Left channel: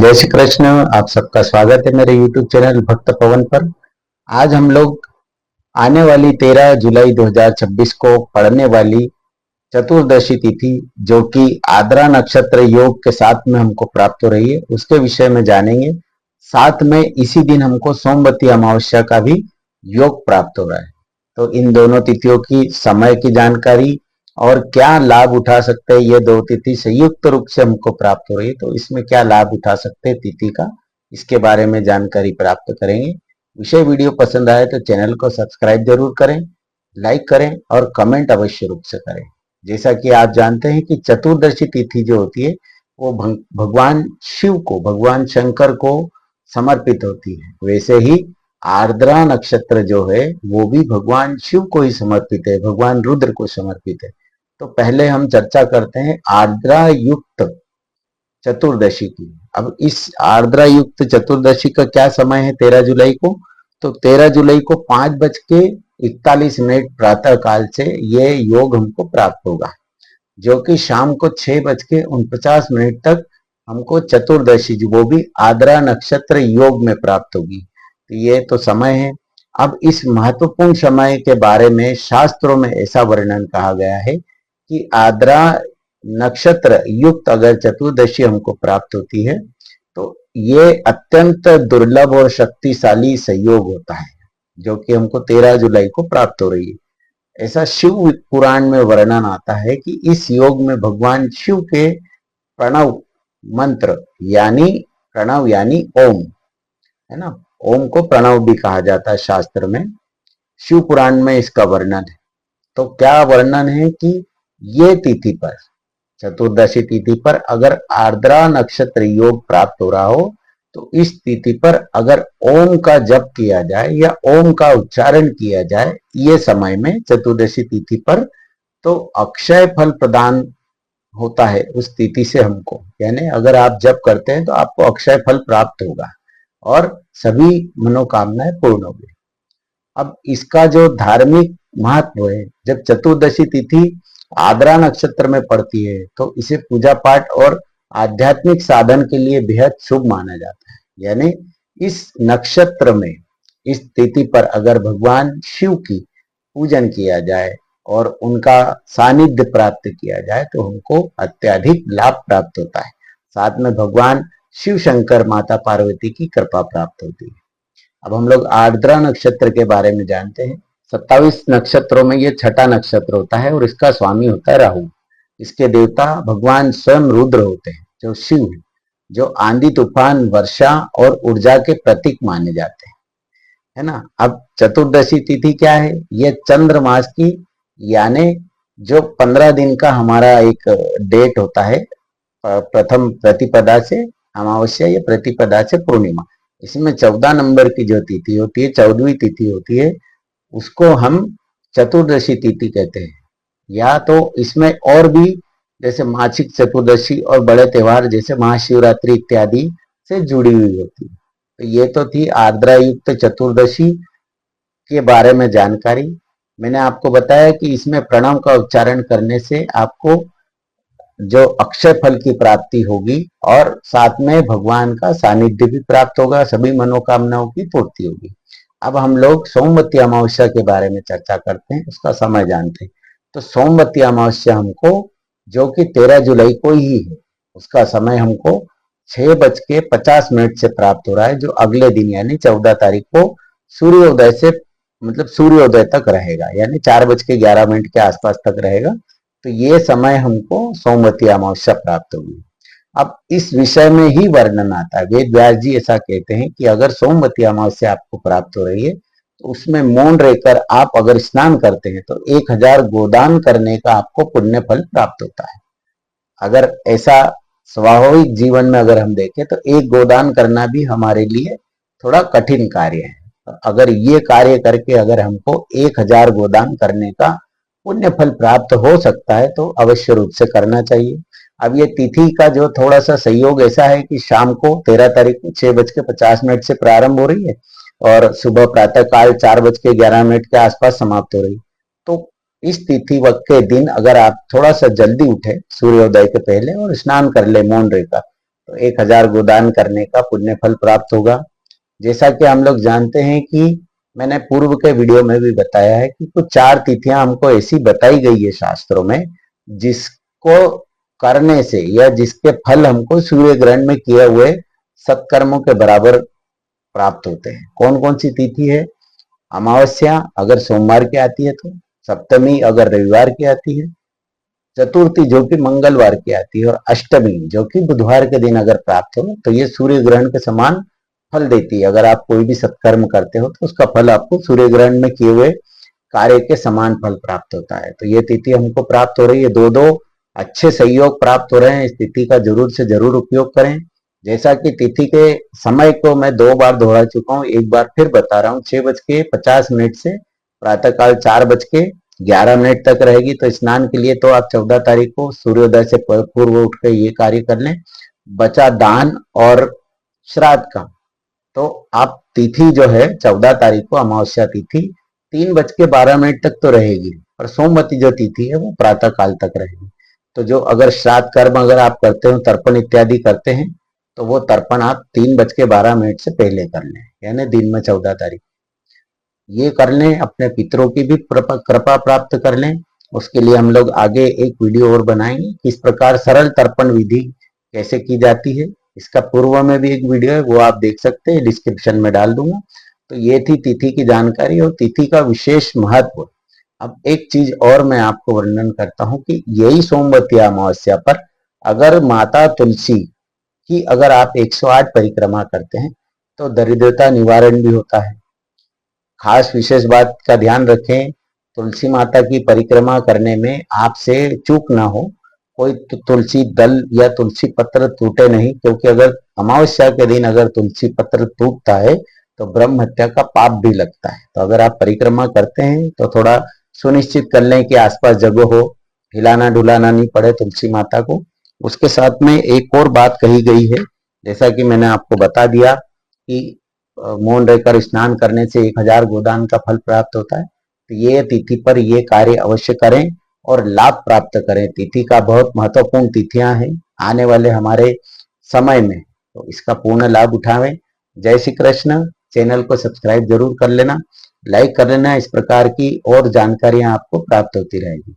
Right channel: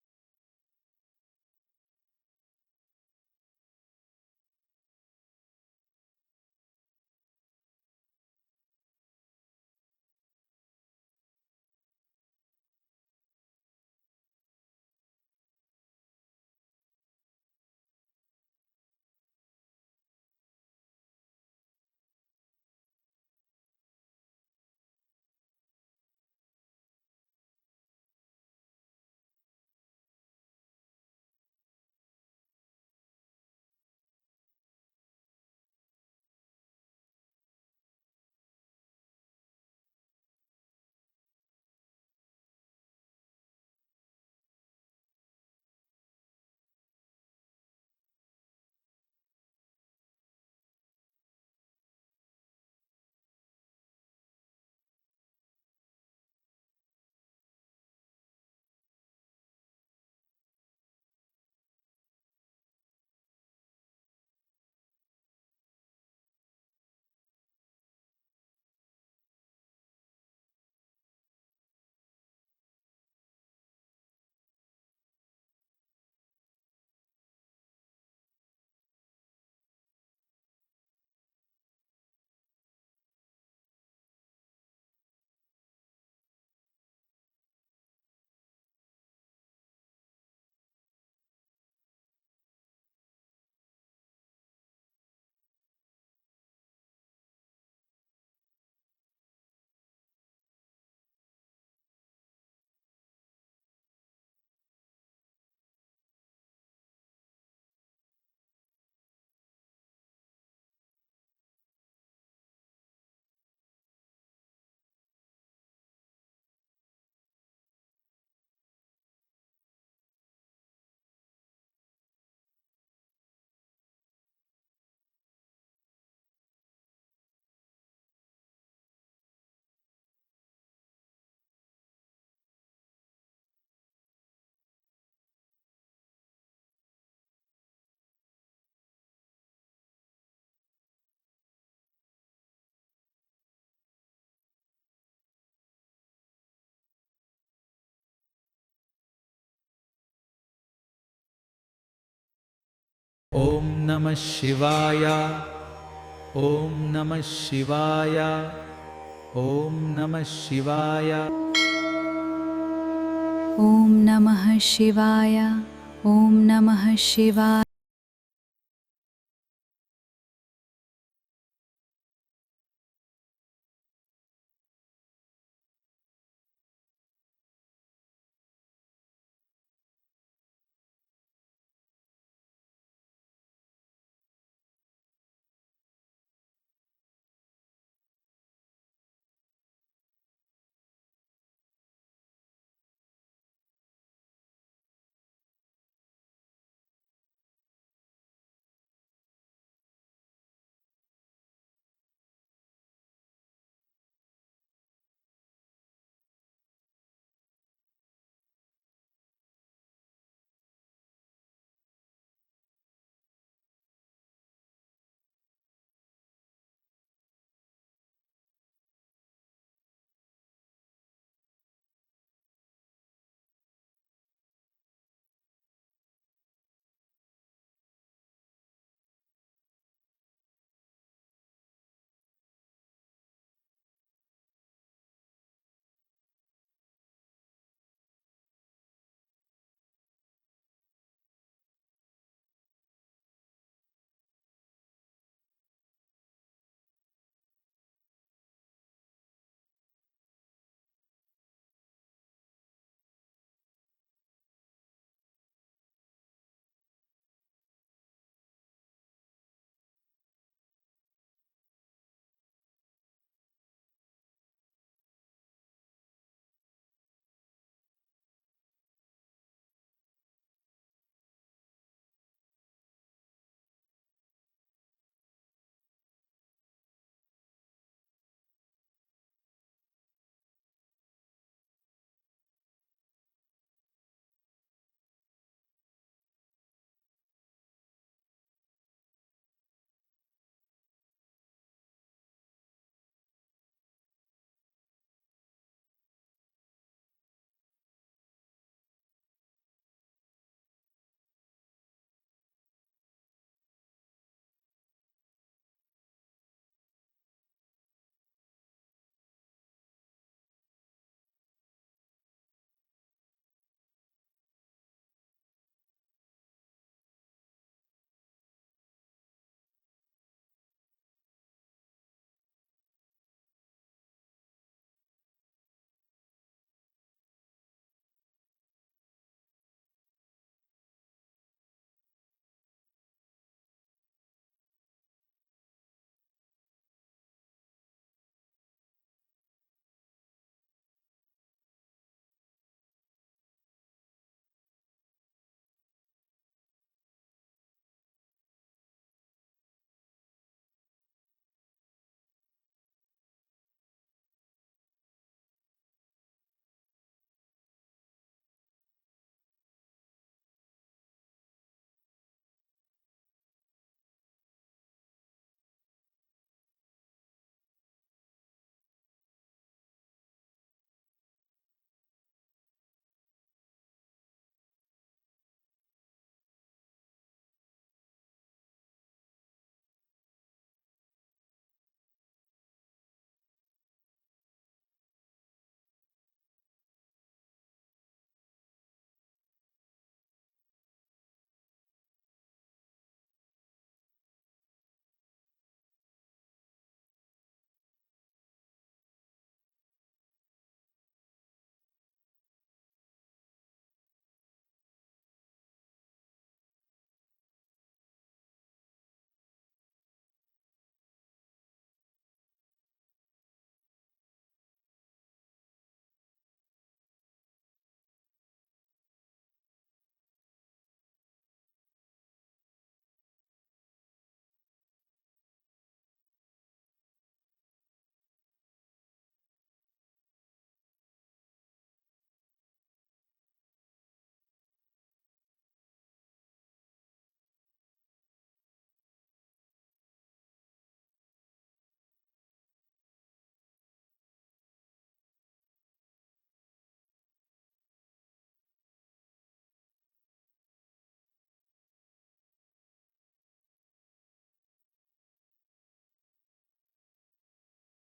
जय श्री कृष्ण। आप सबका स्वागत है मेरे YouTube चैनल भक्त पवन पर। आज हम लोग आने वाली 13 जुलाई 2026 को पड़ने वाली चतुर्दशी तिथि जो कि आद्रा नक्षत्र योग के साथ में हमको प्राप्त हो रही है उसके विषय में जानेंगे। साथ में इसी दिन हमको सोमवती अमावस्या का भी योग प्राप्त हो रहा है। तो इन दोनों तिथियों की समय की जानकारी और क्या लाभ उठा सकते हैं, ये दो तिथि संयुक्त रूप से हमको प्राप्त हो रही है तो इसमें क्या लाभ उठा सकते हैं तिथि का, इसके बारे में जानकारी प्राप्त करेंगे। विषय वीडियो पसंद आए तो चैनल को सब्सक्राइब जरूर करें, लाइक करें और कमेंट अवश्य रूप से करें। जैसा कि आप जानते हैं कि चतुर्दशी तिथि जो होती है वो भगवान शिव को, भगवान शंकर को समर्पित होती है। वैसे ही आर्द्रा नक्षत्र जो है वो भी भगवान शिव को ही समर्पित है, भगवान रुद्र को समर्पित है। तो पहले हम चर्चा करते हैं आर्द्रा युक्त चतुर्दशी की। अब इस आर्द्रा युक्त चतुर्दशी का क्या समय है 13 जुलाई को? तो 13 जुलाई को 5:41 प्रातः काल से ये योग हमको प्राप्त होगा, जो कि शाम को 6:49 तक हमको चतुर्दशी वो भी आद्रा नक्षत्र योग में प्राप्त होगी। तो ये तो समय है। अब इस महत्वपूर्ण समय के बारे में शास्त्रों में ऐसा वर्णन कहा गया है कि आद्रा नक्षत्र युक्त अगर चतुर्दशी हमको प्राप्त होती है तो ये अत्यंत दुर्लभ और शक्तिशाली संयोग होता है, जो कि हमको 13 जुलाई को प्राप्त हो रही है। ऐसा शिव पुराण में वर्णन आता है कि इस योग में भगवान शिव के प्रणव मंत्र यानी प्रणव यानी ओम, है ना, ओम को प्रणव भी कहा जाता है शास्त्र में। शिव पुराण में इसका वर्णन है। तो क्या वर्णन है कि ये तिथि पर, चतुर्दशी तिथि पर अगर आर्द्रा नक्षत्र योग प्राप्त हो रहा हो तो इस तिथि पर अगर ओम का जप किया जाए या ओम का उच्चारण किया जाए ये समय में चतुर्दशी तिथि पर, तो अक्षय फल प्रदान होता है उस तिथि से हमको। यानी अगर आप जप करते हैं तो आपको अक्षय फल प्राप्त होगा और सभी मनोकामनाएं पूर्ण होगी। अब इसका जो धार्मिक महत्व है, जब चतुर्दशी तिथि आद्रा नक्षत्र में पड़ती है तो इसे पूजा पाठ और आध्यात्मिक साधन के लिए बेहद शुभ माना जाता है। यानी इस नक्षत्र में, ओम इस नमः तिथि पर अगर शिवाय। भगवान शिव की ओम पूजन किया नमः जाए और शिवाय। उनका सानिध्य ओम प्राप्त किया नमः जाए तो हमको शिवाय। अत्यधिक लाभ प्राप्त होता है। साथ में ॐ भगवान नमः शिव शंकर शिवाय। माता पार्वती की ॐ कृपा नमः प्राप्त होती है। शिवाय। अब हम लोग आर्द्रा नक्षत्र के बारे में जानते हैं। 27 नक्षत्रों में ये छठा नक्षत्र होता है और इसका स्वामी होता है राहु। इसके देवता भगवान स्वयं रुद्र होते हैं जो शिव है, जो आंधी तूफान वर्षा और ऊर्जा के प्रतीक माने जाते हैं, है ना। अब चतुर्दशी तिथि क्या है? ये चंद्र मास की, यानी जो 15 दिन का हमारा एक डेट होता है, प्रथम प्रतिपदा से अमावस्या या प्रतिपदा से पूर्णिमा, इसमें 14 नंबर की जो तिथि होती है, 14वीं तिथि होती है, उसको हम चतुर्दशी तिथि कहते हैं। या तो इसमें और भी जैसे मासिक चतुर्दशी और बड़े त्योहार जैसे महाशिवरात्रि इत्यादि से जुड़ी हुई होती है। तो ये तो थी आर्द्रा युक्त चतुर्दशी के बारे में जानकारी। मैंने आपको बताया कि इसमें प्रणव का उच्चारण करने से आपको जो अक्षय फल की प्राप्ति होगी और साथ में भगवान का सानिध्य भी प्राप्त होगा, सभी मनोकामनाओं की पूर्ति होगी। अब हम लोग सोमवती अमावस्या के बारे में चर्चा करते हैं, उसका समय जानते हैं। तो सोमवती अमावस्या हमको, जो कि 13 जुलाई को ही है, उसका समय हमको 6:50 से प्राप्त हो रहा है, जो अगले दिन यानी 14 तारीख को सूर्योदय से, मतलब सूर्योदय तक रहेगा, यानी 4:11 के आसपास तक रहेगा। तो ये समय हमको सोमवती अमावस्या प्राप्त होगी। अब इस विषय में ही वर्णन आता है, वेद व्यास जी ऐसा कहते हैं कि अगर सोमवती अमावस्या आपको प्राप्त हो रही है तो उसमें मौन रहकर आप अगर स्नान करते हैं तो 1000 गोदान करने का आपको पुण्य फल प्राप्त होता है। अगर ऐसा स्वाभाविक जीवन में अगर हम देखें तो एक गोदान करना भी हमारे लिए थोड़ा कठिन कार्य है। अगर ये कार्य करके अगर हमको 1000 गोदान करने का पुण्य फल प्राप्त हो सकता है तो अवश्य रूप से करना चाहिए। अब ये तिथि का जो थोड़ा सा संयोग ऐसा है कि शाम को 13 तारीख को 6:50 से प्रारंभ हो रही है और सुबह प्रातः काल 4:11 के आसपास समाप्त हो रही है। तो इस तिथि वक्त के दिन अगर आप थोड़ा सा जल्दी उठे सूर्योदय के पहले और स्नान कर ले मौन रहकर, तो 1000 गोदान करने का पुण्य फल प्राप्त होगा। जैसा कि हम लोग जानते हैं कि मैंने पूर्व के वीडियो में भी बताया है कि कुछ 4 तिथियां हमको ऐसी बताई गई है शास्त्रों में, जिसको करने से या जिसके फल हमको सूर्य ग्रहण में किए हुए सत्कर्मों के बराबर प्राप्त होते हैं। कौन कौन सी तिथि है? अमावस्या अगर सोमवार की आती है तो, सप्तमी अगर रविवार की आती है, चतुर्थी जो कि मंगलवार की आती है, और अष्टमी जो कि बुधवार के दिन अगर प्राप्त हो तो ये सूर्य ग्रहण के समान फल देती है। अगर आप कोई भी सत्कर्म करते हो तो उसका फल आपको सूर्य ग्रहण में किए हुए कार्य के समान फल प्राप्त होता है। तो ये तिथि हमको प्राप्त हो रही है, दो दो अच्छे सहयोग प्राप्त हो रहे हैं। इस तिथि का जरूर से जरूर उपयोग करें। जैसा कि तिथि के समय को मैं 2 बार दोहरा चुका हूँ, एक बार फिर बता रहा हूँ। 6:50 से प्रातःकाल 4:11 तक रहेगी। तो स्नान के लिए तो आप 14 तारीख को सूर्योदय से पूर्व उठ के ये कार्य कर लें। बचा दान और श्राद्ध का, तो आप तिथि जो है 14 तारीख को अमावस्या तिथि 3:12 तक तो रहेगी, और सोमवती जो तिथि है वो प्रातः काल तक रहेगी। तो जो अगर श्राद्ध कर्म अगर आप करते हो, तर्पण इत्यादि करते हैं, तो वो तर्पण आप 3:12 से पहले कर लें, यानी दिन में 14 तारीख ये कर लें। अपने पितरों की भी कृपा प्राप्त कर लें। उसके लिए हम लोग आगे एक वीडियो और बनाएंगे, किस प्रकार सरल तर्पण विधि कैसे की जाती है। इसका पूर्व में भी एक वीडियो है, वो आप देख सकते हैं, डिस्क्रिप्शन में डाल दूंगा। तो ये थी तिथि की जानकारी और तिथि का विशेष महत्व। अब एक चीज और मैं आपको वर्णन करता हूँ कि यही सोमवती अमावस्या पर अगर माता तुलसी की अगर आप 108 परिक्रमा करते हैं तो दरिद्रता निवारण भी होता है। खास विशेष बात का ध्यान रखें, तुलसी माता की परिक्रमा करने में आपसे चूक ना हो, कोई तुलसी दल या तुलसी पत्र टूटे नहीं, क्योंकि अगर अमावस्या के दिन अगर तुलसी पत्र टूटता है तो ब्रह्म हत्या का पाप भी लगता है। तो अगर आप परिक्रमा करते हैं तो थोड़ा सुनिश्चित कर लें कि आसपास जगह हो, हिलाना डुलाना नहीं पड़े तुलसी माता को। उसके साथ में एक और बात कही गई है, जैसा कि मैंने आपको बता दिया कि मौन रहकर स्नान करने से 1000 गोदान का फल प्राप्त होता है। तो ये तिथि पर ये कार्य अवश्य करें और लाभ प्राप्त करें। तिथि का बहुत महत्वपूर्ण तिथियां हैं आने वाले हमारे समय में, तो इसका पूर्ण लाभ उठावें। जय श्री कृष्ण। चैनल को सब्सक्राइब जरूर कर लेना, लाइक कर लेना। इस प्रकार की और जानकारियां आपको प्राप्त होती रहेगी।